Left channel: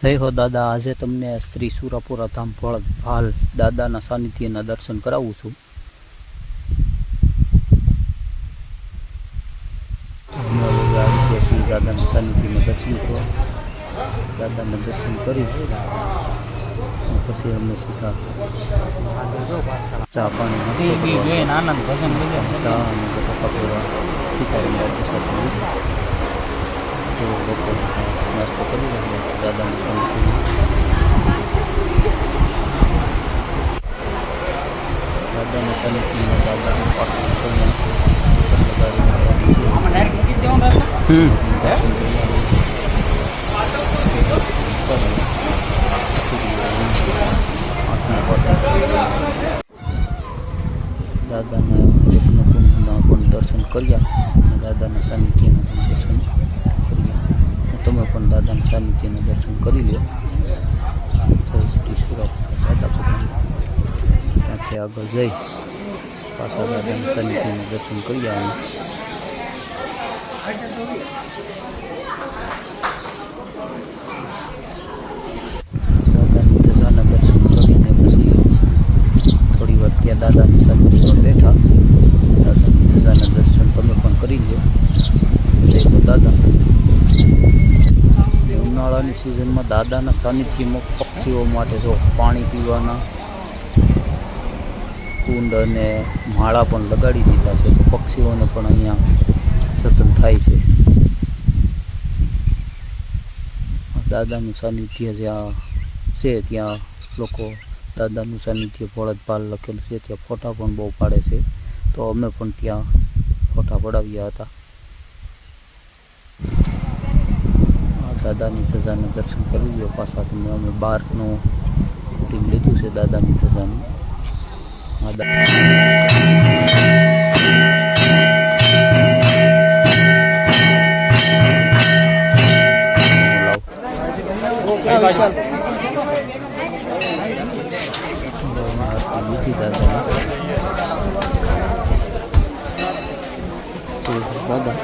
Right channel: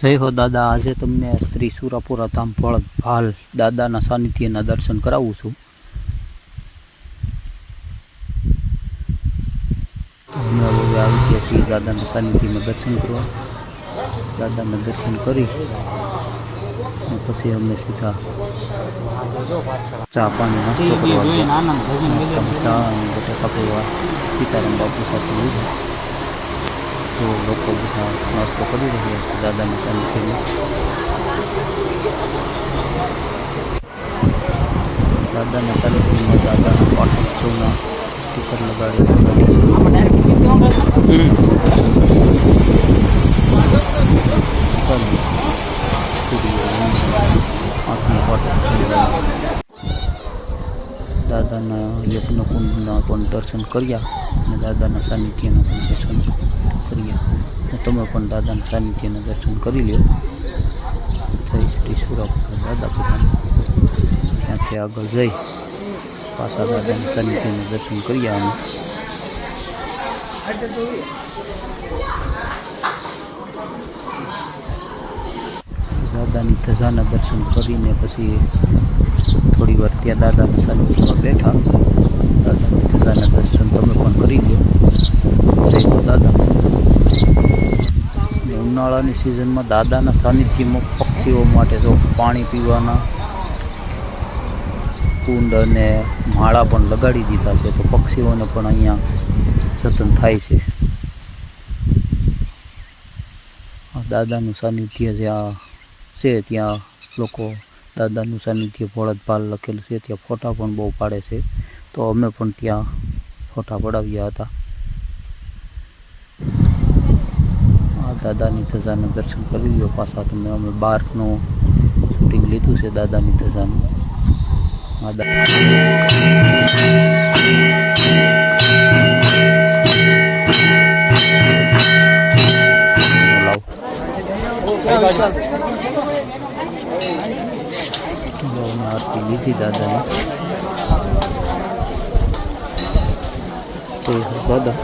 જય હો દાદા આજે તમને શ્રી સુરાપુરા ધામ ફળ ભાલ દાદાના સાનિધ્યના દર્શન કરાવું છું. અમે હવે આવી ગયા છીએ દાદાના સાનિધ્યમાં દર્શન કરવા. દાદાના દર્શન કરી પછી અમે સીધા ચા પાણી નાસ્તો કરવા ચા અને બટાકા પૌવા સીતારામ બાપુ સાથે લીધા તો લોકો બધા નાસ્તો કરી રહ્યા છે દાદાની સાનિધ્યમાં દાદાના સાનિધ્યમાં દાદા પાટોત્સવના સ્ટીકર લગાડેલા ગાડી છે હમ. ચાલો. સીડીઓ, આંખનો પાટોત્સવ દાદાના યજ્ઞકુંડના પણ દર્શન કર્યા અને દાદાના સાનિધ્યના પણ દર્શન કર્યા અને તમે પણ દાદાના સાનિધ્યના દર્શન કરી લો. થઈ શ્રી સુરાપુરા દાદા બધાને ત્યાંથી આગળ જઈ પાછા દાદાના સાનિધ્યના દર્શન કરી અમે દાદાની ધજાના દર્શન કરીને પછી થોડી વાર ત્યાં દાદાના સાનિધ્યમાં બેઠા. દાદાની ધજાના દર્શન તમે પણ કરી લો દાદા. ઉનાળાની સિઝનમાં દાદાના સાનિધ્યમાં પક્ષીઓ માટે જો પાણી પીવાના કુંડ અને માળા પણ લગાડી દીધા છે, તો પક્ષીઓને પણ અહીંયા જતન થાય છે. દાદાનું સાનિધ્ય જ્યાં છે, ત્યાં લોકો દાદાનું સાનિધ્ય ભોળતભાલ લખેલું છે, ત્યાં ફોટા પણ બહુ પાડે છે. તો અમે પણ ત્યાં ફોટા પડાવ્યા હતા. દાદાની ધજાના દર્શન કરી લ્યો પાછા તમે અમે બારનું શૂટિંગ લીધું છે દાદાની ધજાનું આ દા- લાવ ગૌના આરતી લીધી દાદાની જય હો દાદા